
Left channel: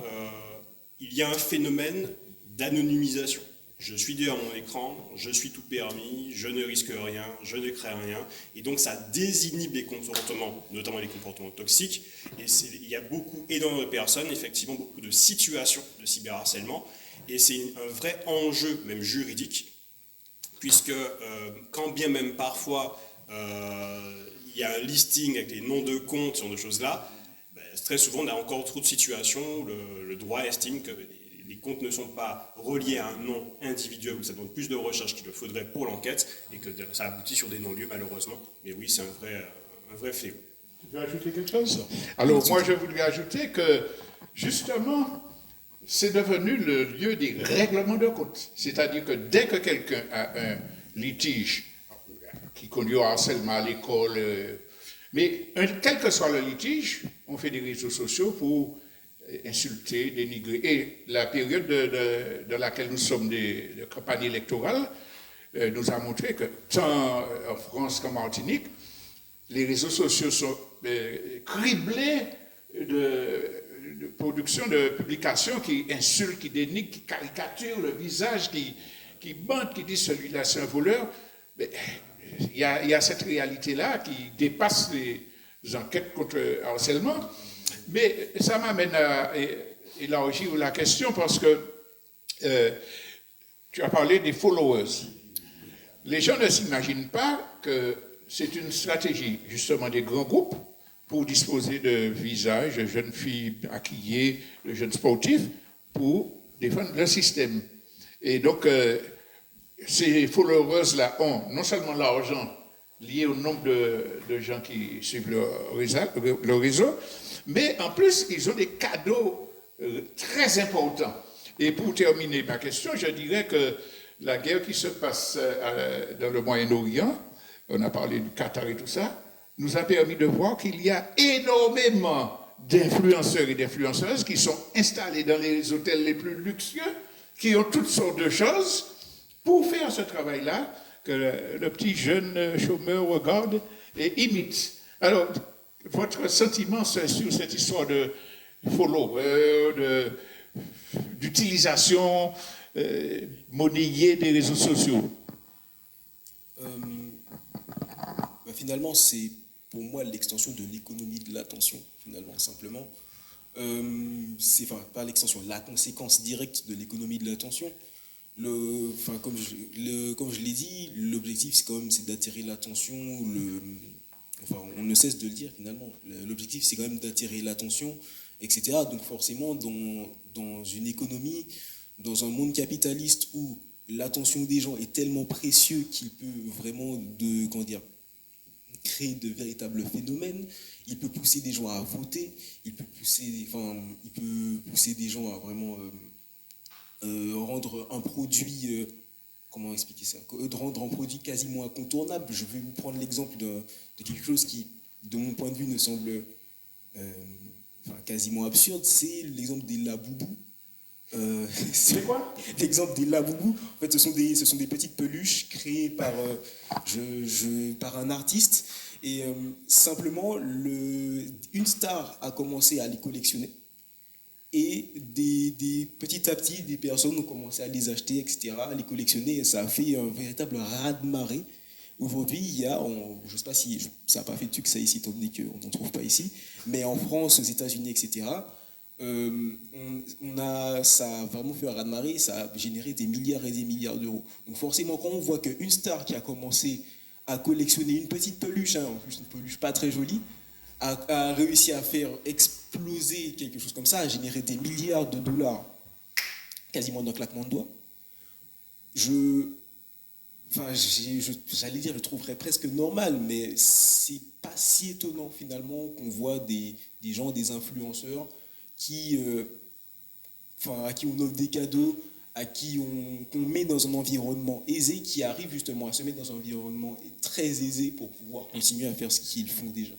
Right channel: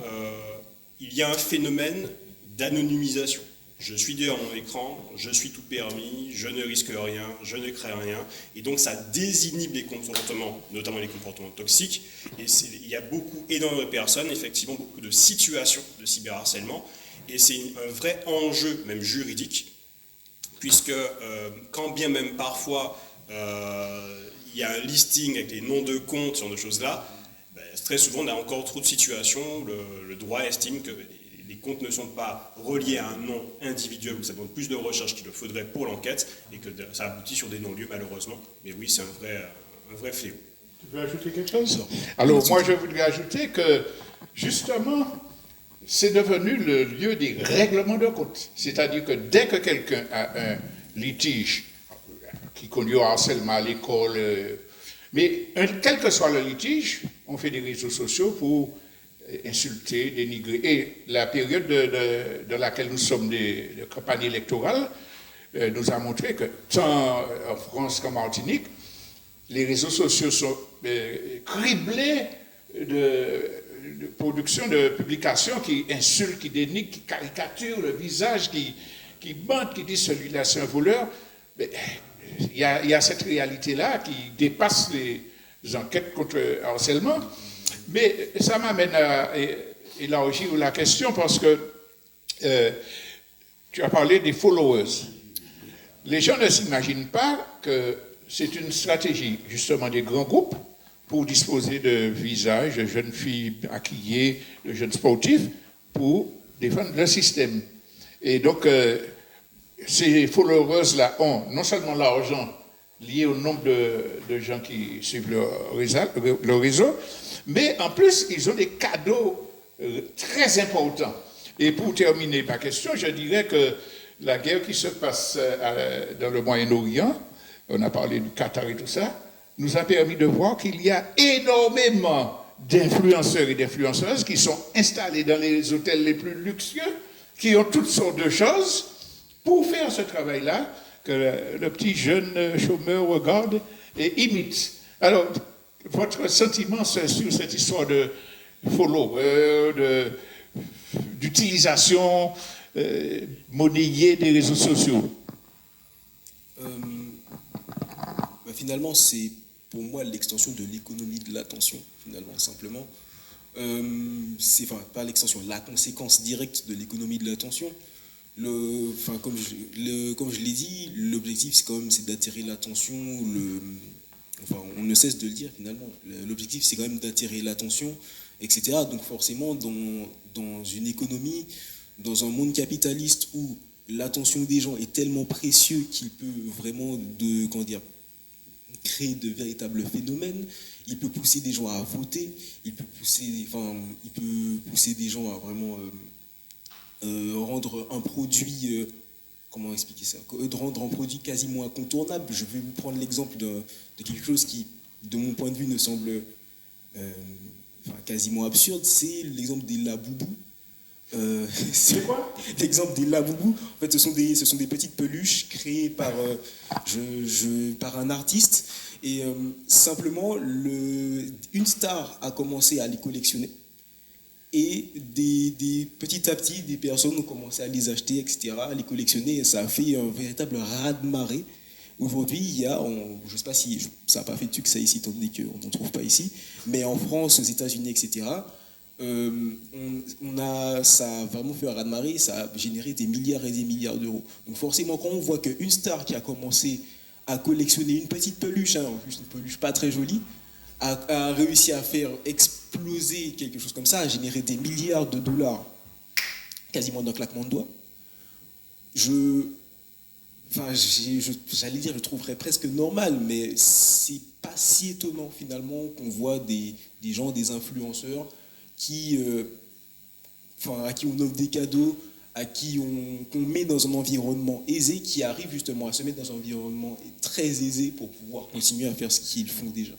il y a un phénomène d'anonymisation. Je suis derrière mon écran, je suis tout permis, je ne risque rien, je ne crée rien. Et donc ça désinhibe les comportements, notamment les comportements toxiques. Et il y a énormément de personnes, effectivement, beaucoup de situations de cyberharcèlement. Et c'est un vrai enjeu, même juridique, puisque quand bien même parfois il y a un listing avec les noms de comptes, ce genre de choses-là, très souvent on a encore trop de situations où le droit estime que les comptes ne sont pas reliés à un nom individuel, où ça demande plus de recherche qu'il le faudrait pour l'enquête, et que ça aboutit sur des non-lieux malheureusement. Mais oui, c'est un vrai fléau. Tu veux ajouter quelque chose? Alors moi je voudrais ajouter que justement c'est devenu le lieu des règlements de compte. C'est-à-dire que dès que quelqu'un a un litige qui conduit au harcèlement à l'école, mais quel que soit le litige, on fait des réseaux sociaux pour insulter, dénigrer. Et la période de laquelle nous sommes de campagne électorale nous a montré que tant en France qu'en Martinique, les réseaux sociaux sont criblés de production, de publications qui insultent, qui dénigrent, qui caricaturent le visage, qui mentent, qui disent celui-là c'est un voleur. Il y a cette réalité-là qui dépasse les enquêtes contre le harcèlement. Mais ça m'amène à élargir la question parce que tu as parlé des followers. Les gens ne s'imaginent pas que c'est une stratégie justement des grands groupes pour disposer de visages de jeunes filles maquillées, de jeunes sportifs, pour défendre le système. Et donc, ces followers-là ont non seulement l'argent lié au nombre de gens qui suivent le réseau, mais en plus, ils ont des cadeaux très importants. Et pour terminer ma question, je dirais que la guerre qui se passe dans le Moyen-Orient, on a parlé du Qatar et tout ça, nous a permis de voir qu'il y a énormément d'influenceurs et d'influenceuses qui sont installés dans les hôtels les plus luxueux, qui ont toutes sortes de choses pour faire ce travail-là que le petit jeune chômeur regarde et imite. Alors, votre sentiment sur cette histoire de follower, d'utilisation monnayée des réseaux sociaux? Finalement, c'est pour moi l'extension de l'économie de l'attention, finalement, simplement. Pas l'extension, la conséquence directe de l'économie de l'attention. Comme je l'ai dit, l'objectif c'est d'attirer l'attention. On ne cesse de le dire finalement. L'objectif c'est quand même d'attirer l'attention, etc. Donc forcément, dans une économie, dans un monde capitaliste où l'attention des gens est tellement précieux qu'il peut vraiment créer de véritables phénomènes. Il peut pousser des gens à voter. Il peut pousser des gens à vraiment rendre un produit, comment expliquer ça, de rendre un produit quasiment incontournable. Je vais vous prendre l'exemple de quelque chose qui, de mon point de vue, me semble quasiment absurde. C'est l'exemple des laboubous. C'est quoi? L'exemple des laboubous. En fait, ce sont des petites peluches créées par un artiste. Et simplement, une star a commencé à les collectionner. Et petit à petit, des personnes ont commencé à les acheter, etc., à les collectionner. Et ça a fait un véritable raz-de-marée. Aujourd'hui, il y a, je ne sais pas si ça n'a pas fait de succès ici, étant donné qu'on n'en trouve pas ici, mais en France, aux États-Unis, etc., ça a vraiment fait un raz-de-marée, ça a généré des milliards et des milliards d'euros. Donc forcément, quand on voit qu'une star qui a commencé à collectionner une petite peluche, en plus une peluche pas très jolie, a réussi à faire exploser quelque chose comme ça, à générer des milliards de dollars quasiment d'un claquement de doigts, j'allais dire, je trouverais presque normal, mais c'est pas si étonnant finalement qu'on voit des gens, des influenceurs à qui on offre des cadeaux, qu'on met dans un environnement aisé, qui arrivent justement à se mettre dans un environnement très aisé pour pouvoir continuer à faire ce qu'ils font déjà.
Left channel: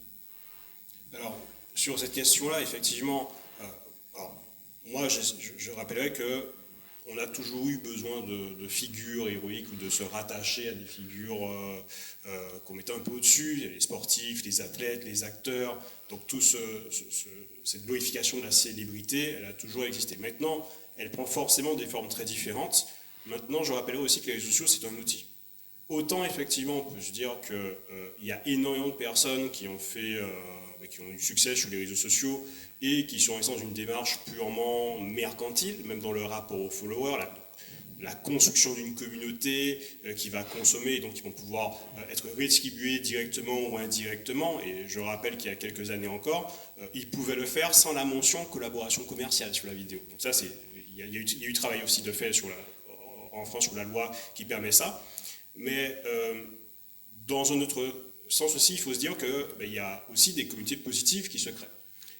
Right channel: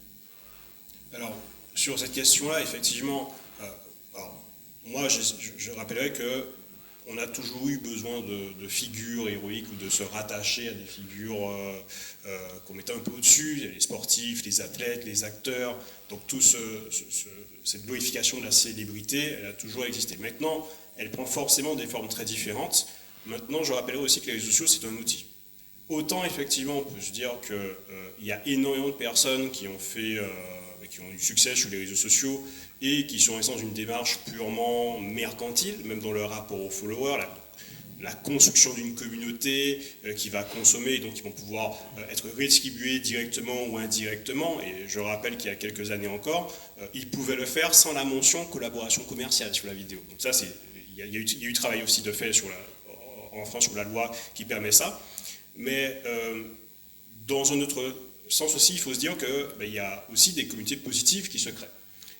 Alors, sur cette question-là, effectivement, moi, je rappellerai que on a toujours eu besoin de figures héroïques ou de se rattacher à des figures qu'on mettait un peu au-dessus, les sportifs, les athlètes, les acteurs. Donc cette glorification de la célébrité, elle a toujours existé. Maintenant, elle prend forcément des formes très différentes. Maintenant, je rappellerai aussi que les réseaux sociaux, c'est un outil. Autant, effectivement, on peut se dire qu'il y a énormément de personnes qui ont eu succès sur les réseaux sociaux et qui sont dans une démarche purement mercantile, même dans leur rapport aux followers, la construction d'une communauté qui va consommer et donc qui vont pouvoir être rédistribués directement ou indirectement. Et je rappelle qu'il y a quelques années encore, ils pouvaient le faire sans la mention collaboration commerciale sur la vidéo. Donc ça, il y a eu travail aussi de fait en France sur la loi qui permet ça. Mais dans un autre sens aussi, il faut se dire qu'il y a aussi des communautés positives qui se créent.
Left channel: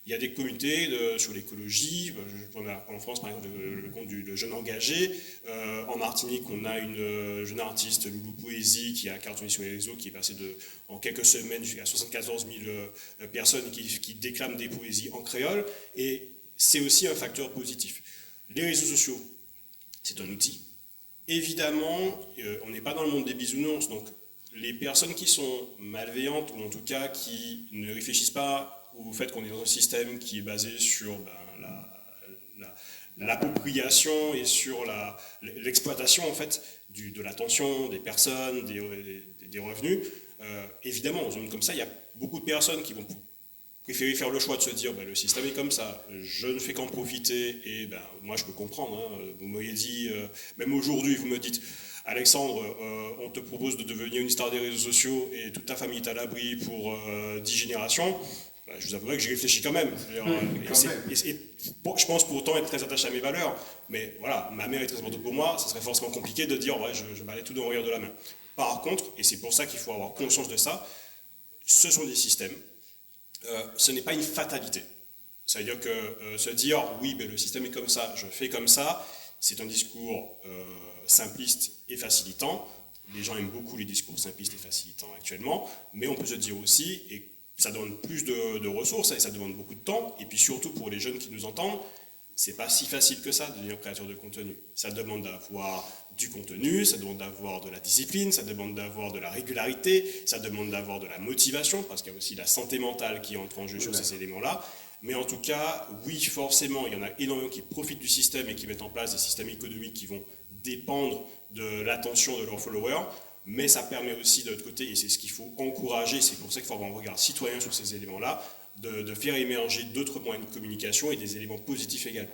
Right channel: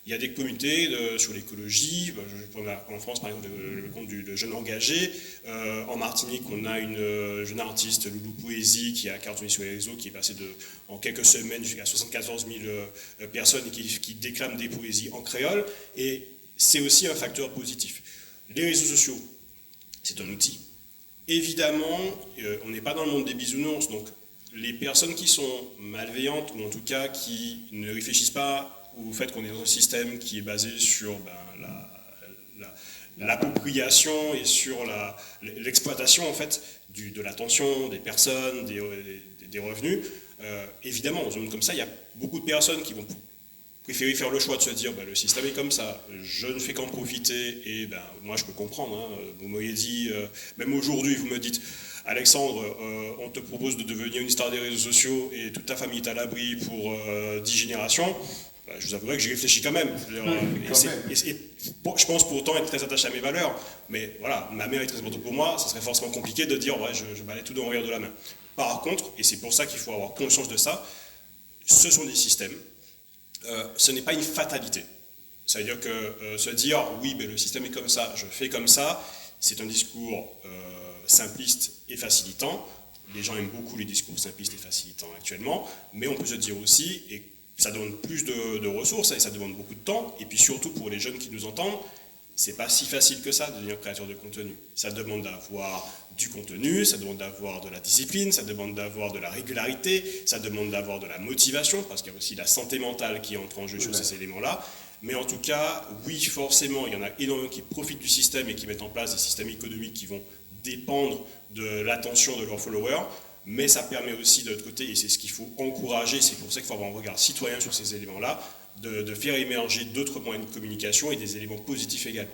Il y a des communautés sur l'écologie. Je prends en France, par exemple, le compte de Jeunes Engagés. En Martinique, on a une jeune artiste, Loulou Poésie, qui a cartonné sur les réseaux, qui est passée en quelques semaines jusqu'à 74 000 personnes qui déclament des poésies en créole. Et c'est aussi un facteur positif. Les réseaux sociaux, c'est un outil. Évidemment, on n'est pas dans le monde des bisounours, donc les personnes qui sont malveillantes, ou en tout cas qui ne réfléchissent pas au fait qu'on est dans un système qui est basé sur l'appropriation et sur l'exploitation en fait de l'attention des personnes, des revenus. Évidemment, dans un monde comme ça, il y a beaucoup de personnes qui vont préférer faire le choix de se dire le système est comme ça, je ne fais qu'en profiter, et moi je peux comprendre. Vous m'auriez dit, même aujourd'hui, vous me dites, Alexandre, on te propose de devenir une star des réseaux sociaux et toute ta famille est à l'abri pour 10 générations. Je vous avouerai que j'y réfléchis quand même. Je pense pourtant être très attaché à mes valeurs, mais voilà, ma mère est très importante pour moi, ça serait forcément compliqué de dire je balaye tout d'un revers de la main. Par contre, et c'est pour ça qu'il faut avoir conscience de ça, ce sont des systèmes. Ce n'est pas une fatalité. Ça veut dire que se dire oui, le système est comme ça, je fais comme ça, c'est un discours simpliste et facilitant. Les gens aiment beaucoup les discours simplistes et facilitants actuellement, mais on peut se dire aussi, et ça demande plus de ressources et ça demande beaucoup de temps. Et puis surtout pour les jeunes qui nous entendent, c'est pas si facile que ça de devenir créateur de contenu. Ça demande d'avoir du contenu, ça demande d'avoir de la discipline, ça demande d'avoir de la régularité, ça demande d'avoir de la motivation, parce qu'il y a aussi la santé mentale qui entre en jeu sur ces éléments-là. Mais en tout cas, oui, forcément, il y en a énormément qui profitent du système et qui mettent en place des systèmes économiques qui vont dépendre de l'attention de leurs followers. Mais ça permet aussi, de l'autre côté, et c'est ce qu'il faut encourager, c'est pour ça qu'il faut avoir un regard citoyen sur ces éléments-là, de faire émerger d'autres moyens de communication et des éléments positifs également.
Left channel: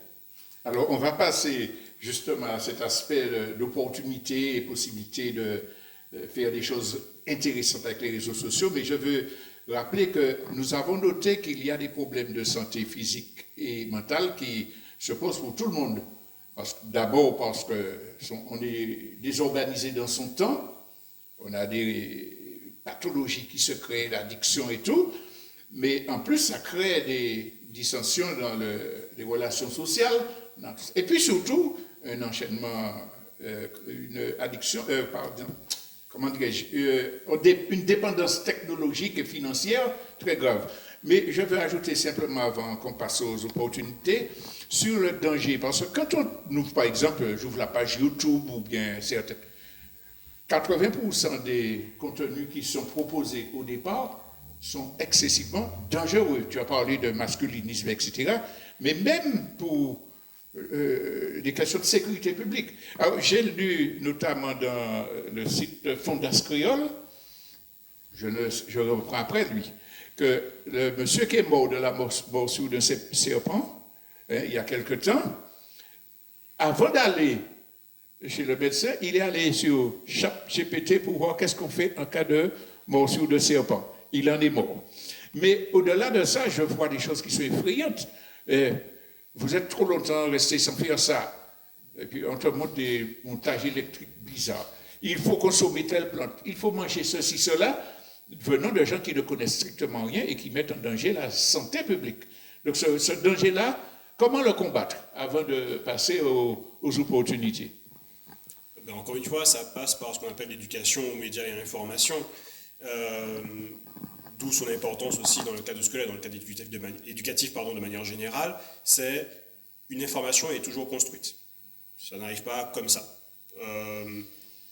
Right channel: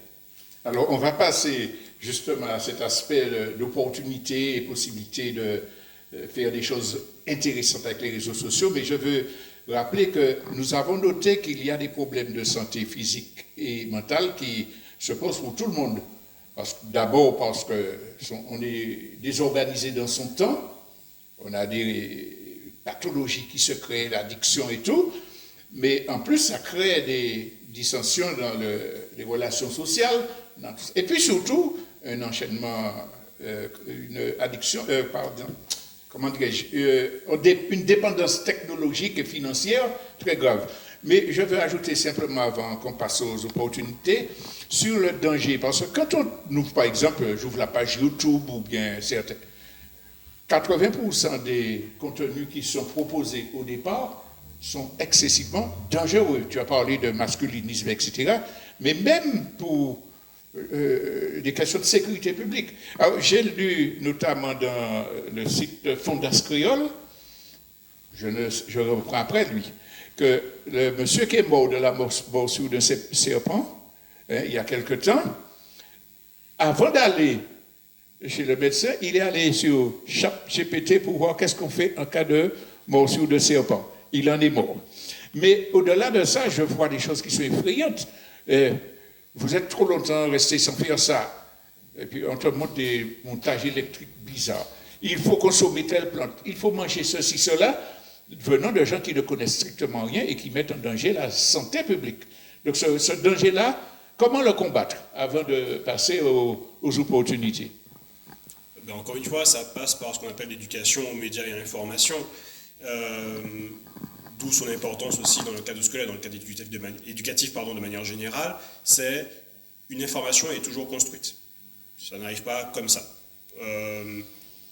Alors, on va passer justement à cet aspect d'opportunité et possibilité de faire des choses intéressantes avec les réseaux sociaux, mais je veux rappeler que nous avons noté qu'il y a des problèmes de santé physique et mentale qui se posent pour tout le monde. D'abord parce qu'on est désorganisé dans son temps, on a des pathologies qui se créent, l'addiction et tout, mais en plus ça crée des dissensions dans les relations sociales, et puis surtout un enchaînement, une addiction, comment dirais-je, une dépendance technologique et financière très grave. Mais je veux ajouter simplement, avant qu'on passe aux opportunités, sur le danger. Parce que quand on ouvre, par exemple, j'ouvre la page YouTube ou bien certains, 80% des contenus qui sont proposés au départ sont excessivement dangereux. Tu as parlé de masculinisme, etc. Mais même pour des questions de sécurité publique. Alors, j'ai lu notamment dans le site Fondas Créole, je reprends après lui, que le monsieur qui est mort de la morsure d'un serpent, il y a quelque temps, avant d'aller chez le médecin, il est allé sur ChatGPT pour voir qu'est-ce qu'on fait en cas de morsure de serpent. Il en est mort. Mais au-delà de ça, je vois des choses qui sont effrayantes. Vous êtes trop longtemps resté sans faire ça. Et puis on te montre des montages électriques bizarres. Il faut consommer telle plante, il faut manger ceci, cela, venant de gens qui ne connaissent strictement rien et qui mettent en danger la santé publique. Donc ce danger-là, comment le combattre avant de passer aux opportunités? Ben encore une fois, ça passe par ce qu'on appelle l'éducation aux médias et à l'information. D'où son importance aussi dans le cadre scolaire, dans le cadre éducatif de manière générale, c'est une information est toujours construite. Ça n'arrive pas comme ça.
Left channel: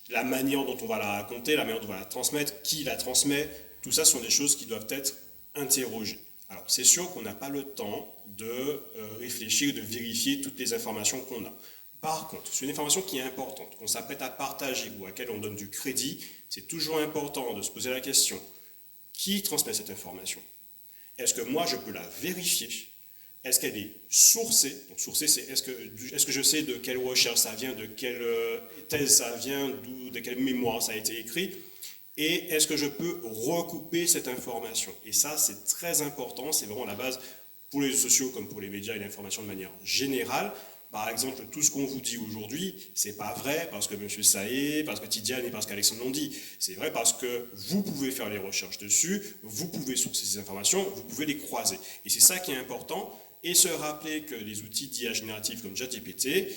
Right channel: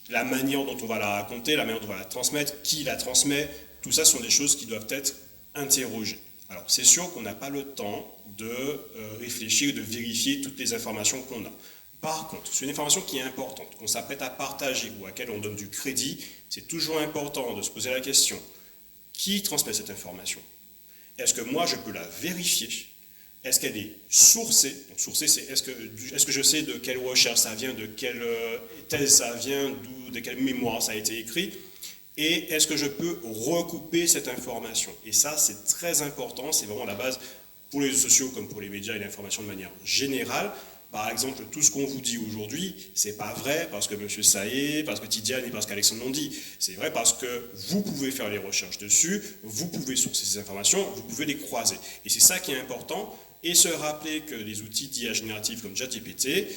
La manière dont on va la raconter, la manière dont on va la transmettre, qui la transmet, tout ça sont des choses qui doivent être interrogées. Alors c'est sûr qu'on n'a pas le temps de réfléchir, de vérifier toutes les informations qu'on a. Par contre, c'est une information qui est importante, qu'on s'apprête à partager ou à laquelle on donne du crédit, c'est toujours important de se poser la question, qui transmet cette information? Est-ce que moi je peux la vérifier? Est-ce qu'elle est sourcée? Donc sourcée, c'est est-ce que je sais de quelle recherche ça vient, de quelle thèse ça vient, de quelle mémoire ça a été écrit? Et est-ce que je peux recouper cette information? Et ça, c'est très important, c'est vraiment la base pour les réseaux sociaux comme pour les médias et l'information de manière générale. Par exemple, tout ce qu'on vous dit aujourd'hui, c'est pas vrai parce que M. Saé, parce que Tidiane et parce qu'Alexandre l'ont dit. C'est vrai parce que vous pouvez faire les recherches dessus, vous pouvez sourcer ces informations, vous pouvez les croiser. Et c'est ça qui est important. Et se rappeler que les outils d'IA génératifs comme ChatGPT,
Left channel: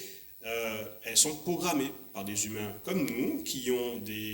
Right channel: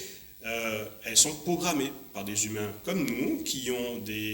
elles sont programmées par des humains comme nous qui ont des